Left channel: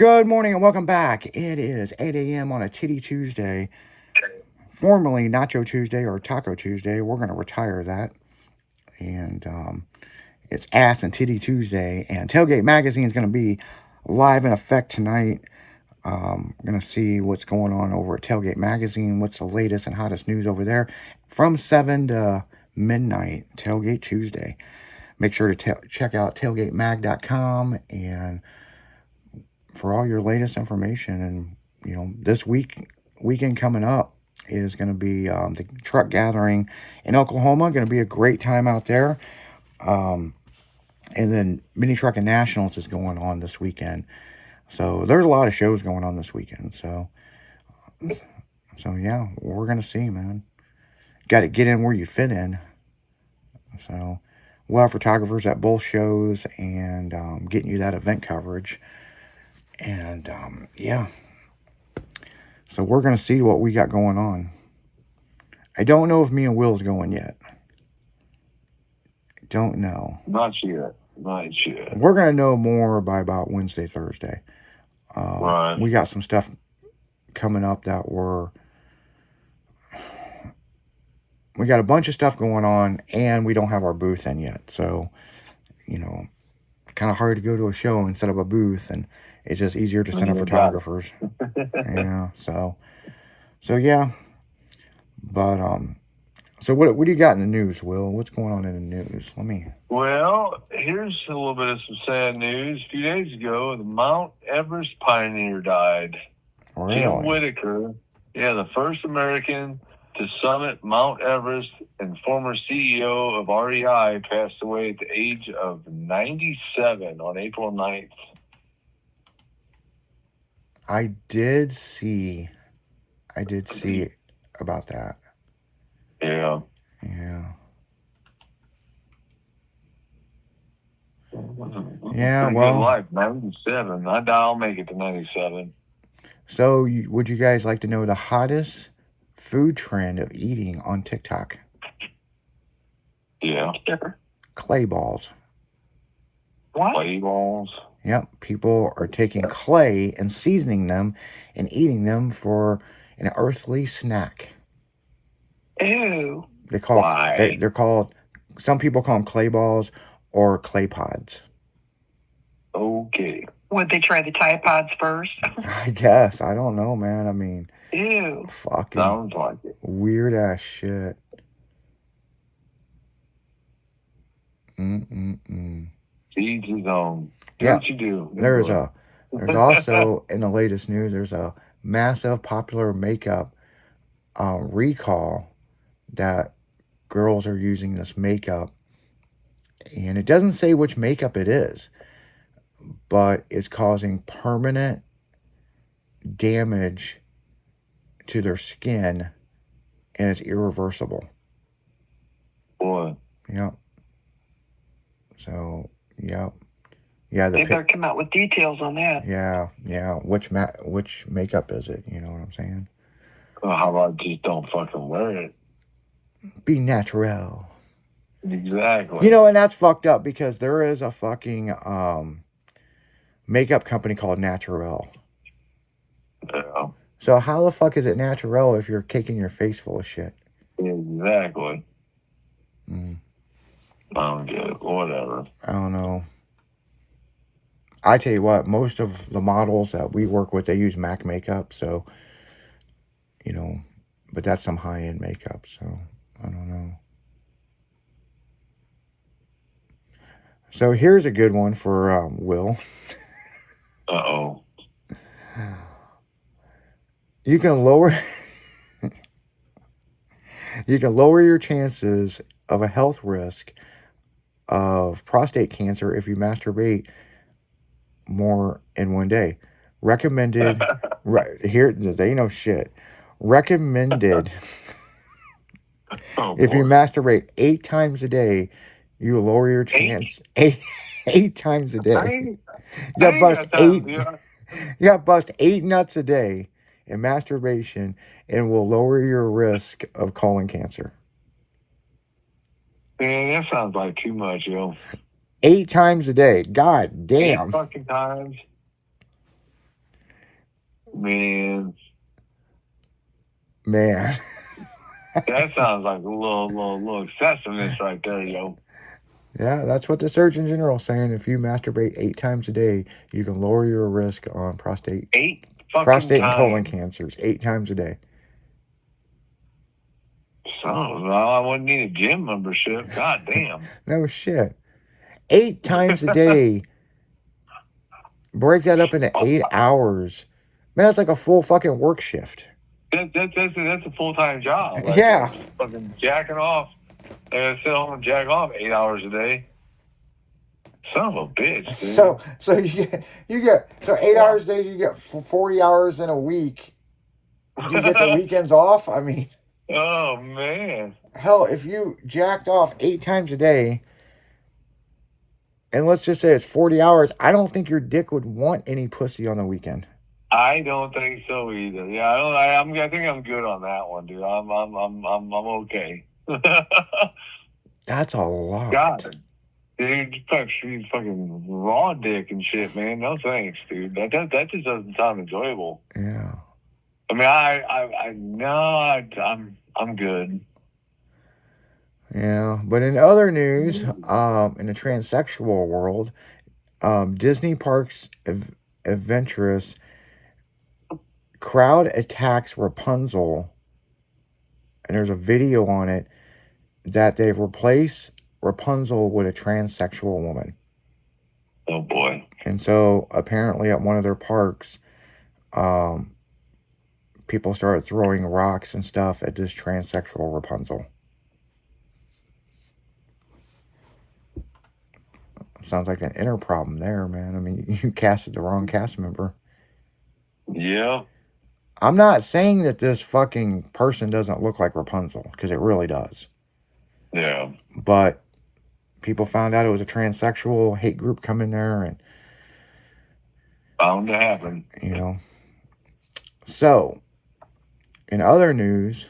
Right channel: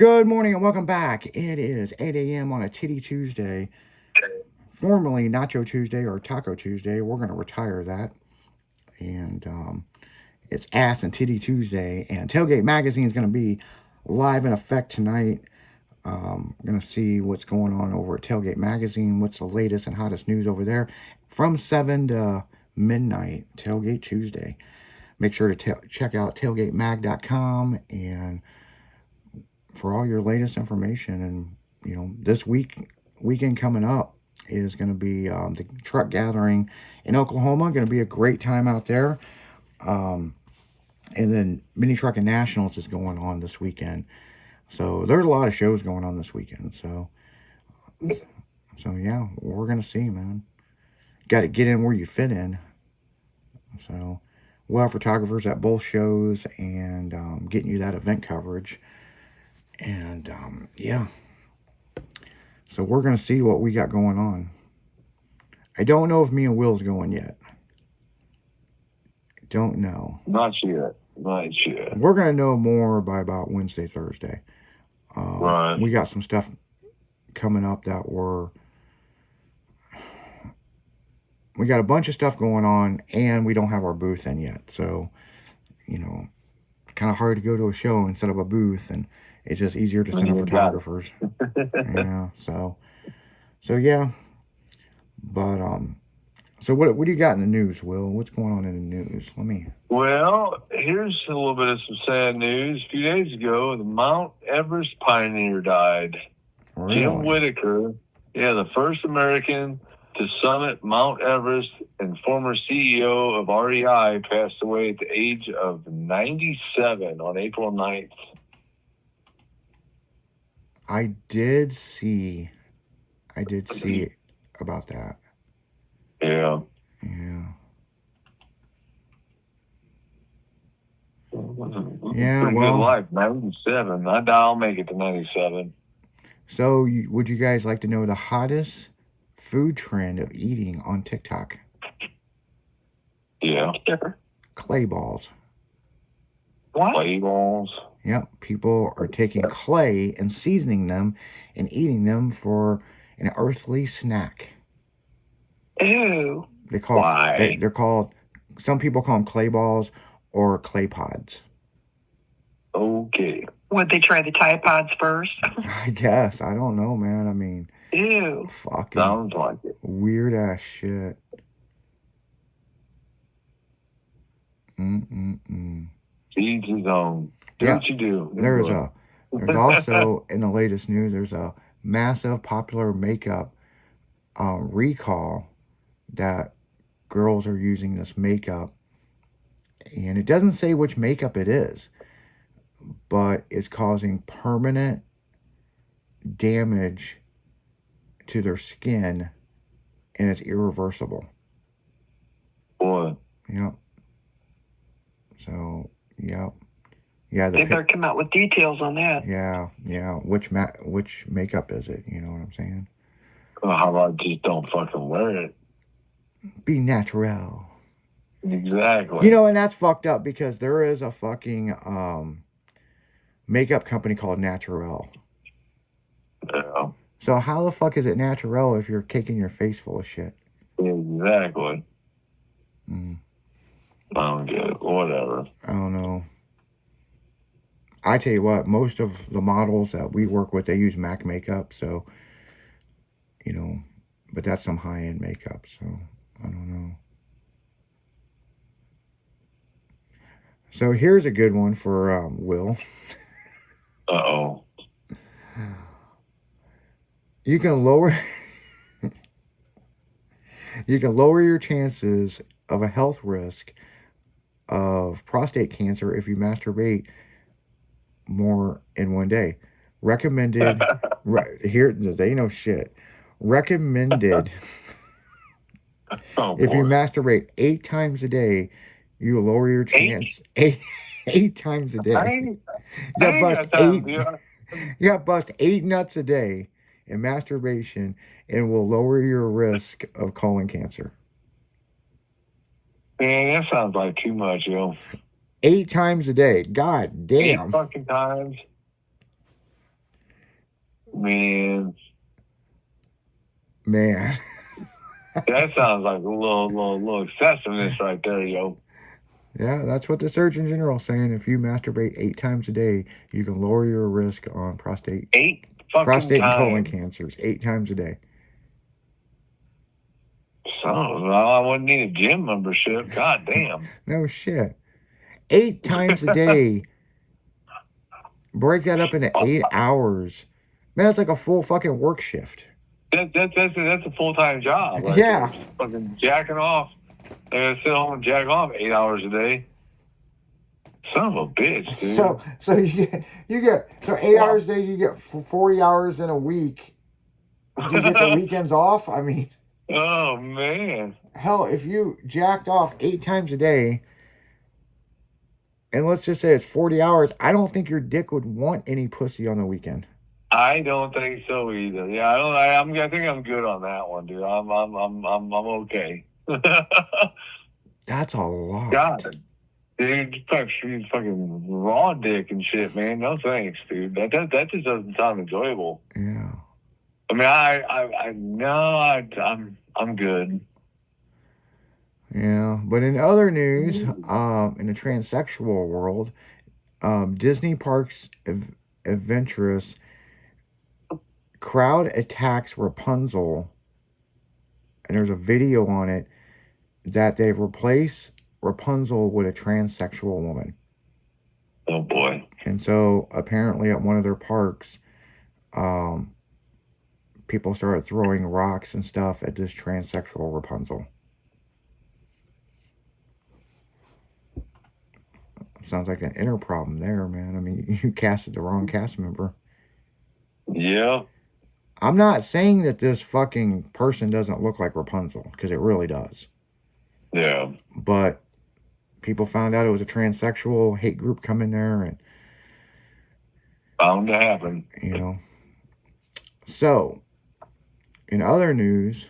Good morning and welcome back. It is 8 a.m. on a Titty Tuesday, formerly Nacho Tuesday or Taco Tuesday. We're going to retire that. And it's Ass and Titty Tuesday. And Tailgate Magazine is going to be live in effect tonight. I'm going to see what's going on over at Tailgate Magazine, what's the latest and hottest news over there. From 7 to midnight, Tailgate Tuesday. Make sure to check out tailgatemag.com and for all your latest information. And this weekend coming up is going to be the truck gathering in Oklahoma. Going to be a great time out there. And then Mini Trucking Nationals is going on this weekend, so there's a lot of shows going on this weekend. So yeah, we're gonna see, man. Got to get in where you fit in. So we'll have photographers at both shows and getting you that event coverage. And yeah, so we're going to see what we got going on. I don't know if me and Will's going yet. Don't know. Not yet. We're going to know more by about Wednesday, Thursday. Right. We got some stuff coming up we got a bunch of stuff going on, and we don't have our booth in yet. So, kind of hard to go to a show and set up a booth, and it's just easier to send photographers. Yeah, so yeah. But so what do you got in the news, Will? What's going on in the news? Well, here's a little bit of some sad news. A few days ago, the Mount Everest pioneer died. Really? Jim Whittaker, the first American to summit Mount Everest and former CEO of REI, passed away at the age of 97 on April 9th. I did see about that. Yeah. Yeah, pretty good life. 97. I'll make it to 97. So, would you guys like to know the hottest food trend of eating on TikTok? Yeah. Clay balls. What? Clay balls? Yep. People are taking clay and seasoning them and eating them for an earthly snack. Ew. Why? They're called, some people call them clay balls or clay pods. Okay. Would they try the Tide Pods first? I guess. I don't know, man. I mean, ew. Fucking sounds like it. Weird ass shit. Each his own. Do what you do. There's also, in the latest news, there's a massive popular makeup recall that girls are using this makeup, and it doesn't say which makeup it is, but it's causing permanent damage to their skin, and it's irreversible. Boy. Yep. So, yep. Yeah, they better come out with details on that. Yeah. Which makeup is it? You know what I'm saying? Well, how about just don't fucking wear it? Be natural. Exactly. And that's fucked up because there is a fucking makeup company called Naturel. Yeah. So how the fuck is it natural if you're caking your face full of shit? Exactly. I don't get it. Whatever. I don't know. I tell you what, most of the models that we work with, they use MAC makeup, so, but that's some high-end makeup, so I don't know. So here's a good one for Will. Uh-oh. You can lower your chances of a health risk of prostate cancer if you masturbate more in one day. Recommended here, they know shit. Recommended if you masturbate 8 times a day, you lower your chance 8 times a day. You got bust 8 nuts a day in masturbation and will lower your risk of colon cancer. Man, that sounds like too much, yo. 8 times a day. God damn. 8 fucking times. Man, Man. that sounds like a little excessiveness right there, yo. Yeah, that's what the Surgeon General is saying. If you masturbate 8 times a day, you can lower your risk on 8 fucking and colon times. cancers 8 times a day. So, I wouldn't need a gym membership. God damn. No shit. 8 times a day. Break that up into 8 hours. Man, that's like a full fucking work shift. That's a full-time job. Right Yeah. there. Fucking jacking off. I gotta sit home and jack off 8 hours a day. Son of a bitch, dude. So you get 8 hours a day. You get 40 hours in a week. Do you get the weekends off? I mean, oh man. Hell, if you jacked off 8 times a day, and let's just say it's 40 hours, I don't think your dick would want any pussy on the weekend. I don't think so either. Yeah, I think I'm good on that one, dude. I'm okay. That's a lot. God, dude, fucking raw dick and shit, man. No thanks, dude. That just doesn't sound enjoyable. Yeah. I mean, I'm good. Yeah, but in other news, in the transsexual world, Disney Parks Adventurous crowd attacks Rapunzel, and there's a video on it that they've replaced Rapunzel with a transsexual woman. Oh boy. And so apparently at one of their parks, people started throwing rocks and stuff at this transsexual Rapunzel. Sounds like an inner problem there, man. I mean, you casted the wrong cast member. Yeah. I'm not saying that this fucking person doesn't look like Rapunzel, because it really does. Yeah. But people found out it was a transsexual hate group come in there, and bound to happen. You know. So, in other news,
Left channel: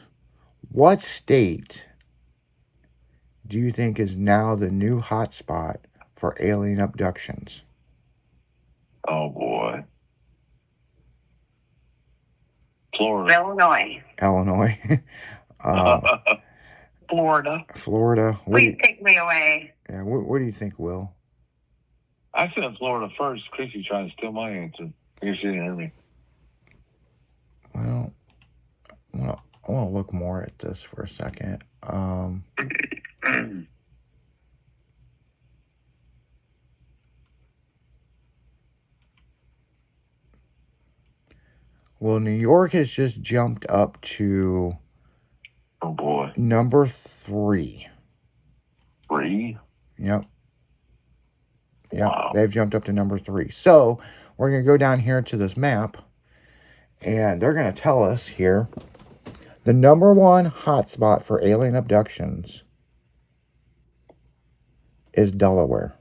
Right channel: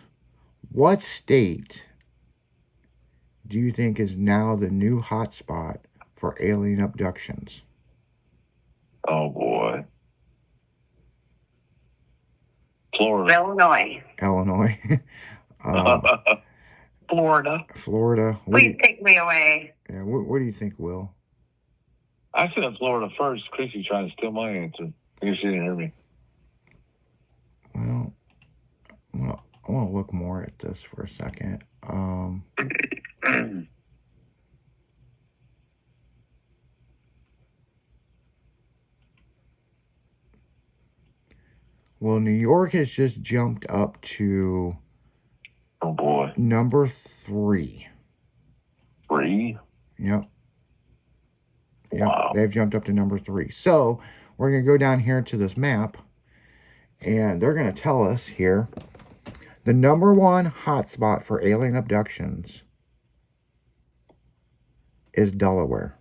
what state do you think is now the new hotspot for alien abductions? Oh boy. Florida. Illinois. Illinois. Florida. Florida. Please take me away. Yeah, what do you think, Will? I said Florida first. Chrissy trying to steal my answer. I guess she didn't hear me. Well, I want to look more at this for a second. Well, New York has just jumped up to oh boy, number 3. 3? Yep. Wow. They've jumped up to number 3. So we're going to go down here to this map, and they're going to tell us here the number 1 hotspot for alien abductions is Delaware.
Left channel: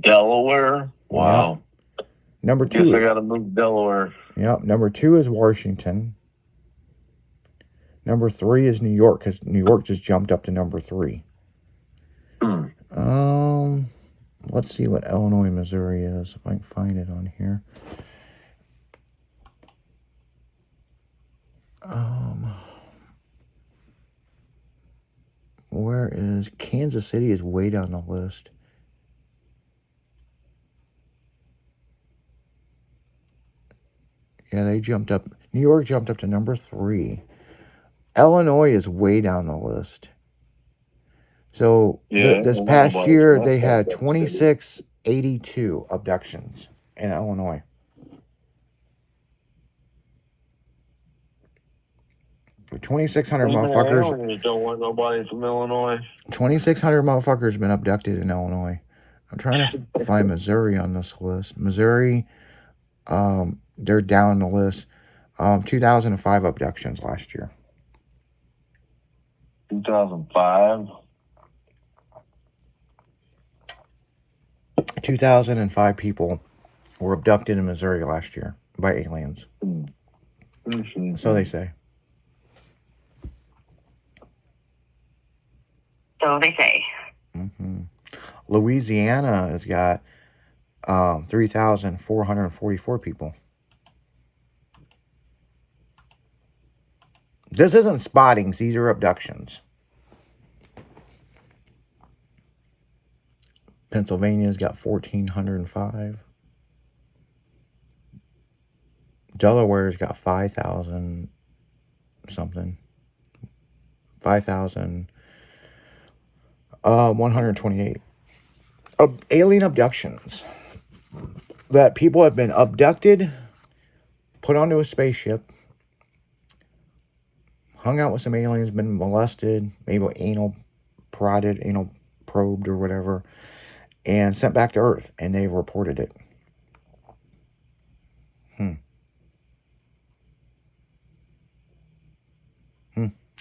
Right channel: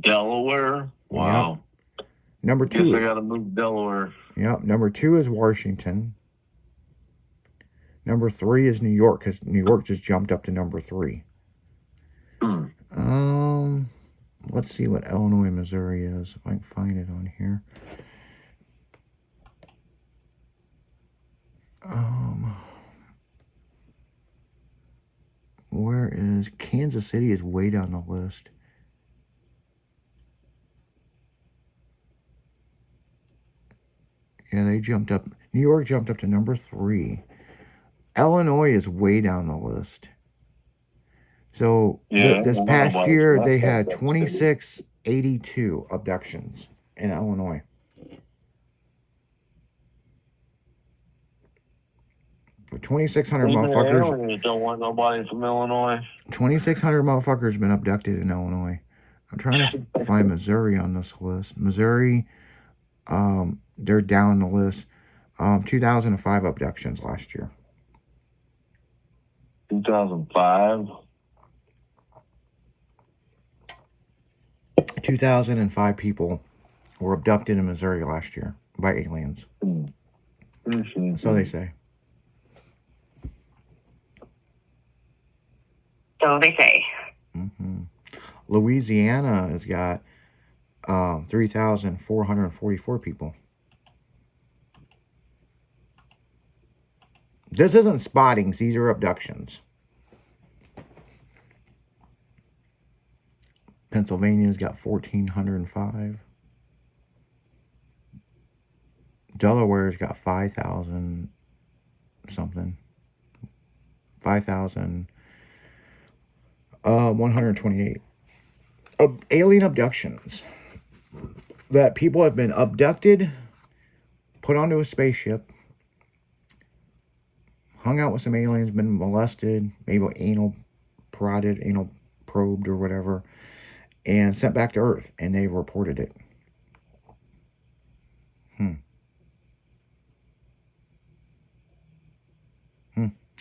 Delaware? Wow. Yep. Number 2. Guess I got to move to Delaware. Yep. Number 2 is Washington. Number 3 is New York, because New York just jumped up to number 3. Let's see what Illinois, Missouri is, if I can find it on here. Where is Kansas City? Is way down the list. Yeah, they jumped up. New York jumped up to number 3. Illinois is way down the list. So this past year, they had 2682 abductions in Illinois. For 2,600 motherfuckers. Aliens don't want nobody from Illinois. 2,600 motherfuckers been abducted in Illinois. I'm trying to find Missouri on this list. Missouri, they're down the list. 2005 abductions last year. 2005? 2005 people were abducted in Missouri last year by aliens. Mm-hmm. So they say. So they say. Mm-hmm. Louisiana has got 3,444 people. This isn't spottings. These are abductions. Pennsylvania's got 1,405. Delaware's got 5,000 something. 5,128. Alien abductions. That people have been abducted, put onto a spaceship, hung out with some aliens, been molested, maybe anal prodded, anal probed or whatever, and sent back to Earth, and they've reported it.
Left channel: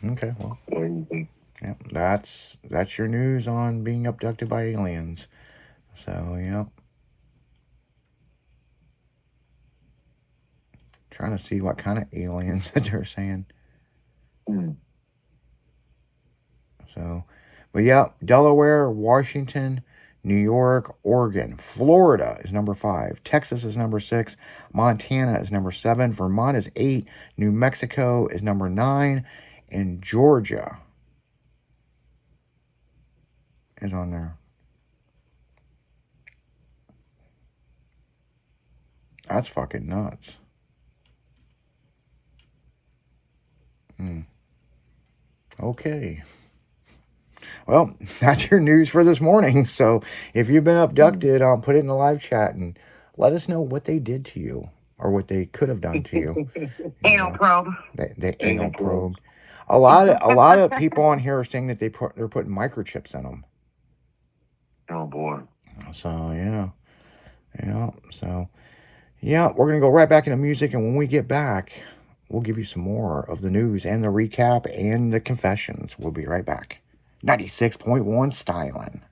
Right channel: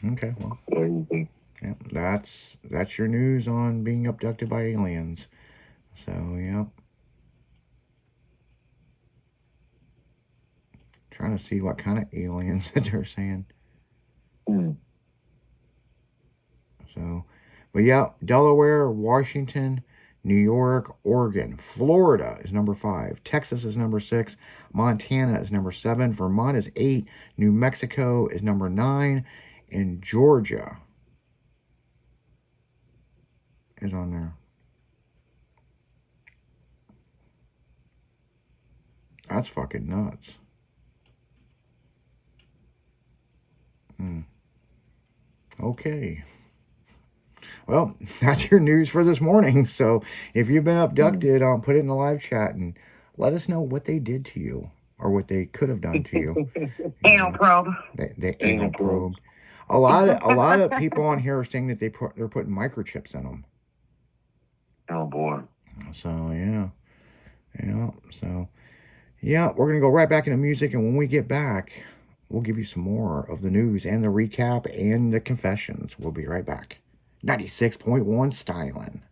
Okay, well, yeah, that's your news on being abducted by aliens. So, yeah. Trying to see what kind of aliens that they're saying. So, but yeah, Delaware, Washington, New York, Oregon, Florida is number 5. Texas is number 6. Montana is number 7. Vermont is 8. New Mexico is number 9. And Georgia is on there. That's fucking nuts. Okay. Well, that's your news for this morning. So if you've been abducted, I'll put it in the live chat and let us know what they did to you or what they could have done to you. Anal probe. The anal probe. A lot of people on here are saying that they're putting microchips in them. Oh boy. So yeah. So yeah, we're gonna go right back into music, and when we get back, we'll give you some more of the news and the recap and the confessions. We'll be right back. 96.1 Styling.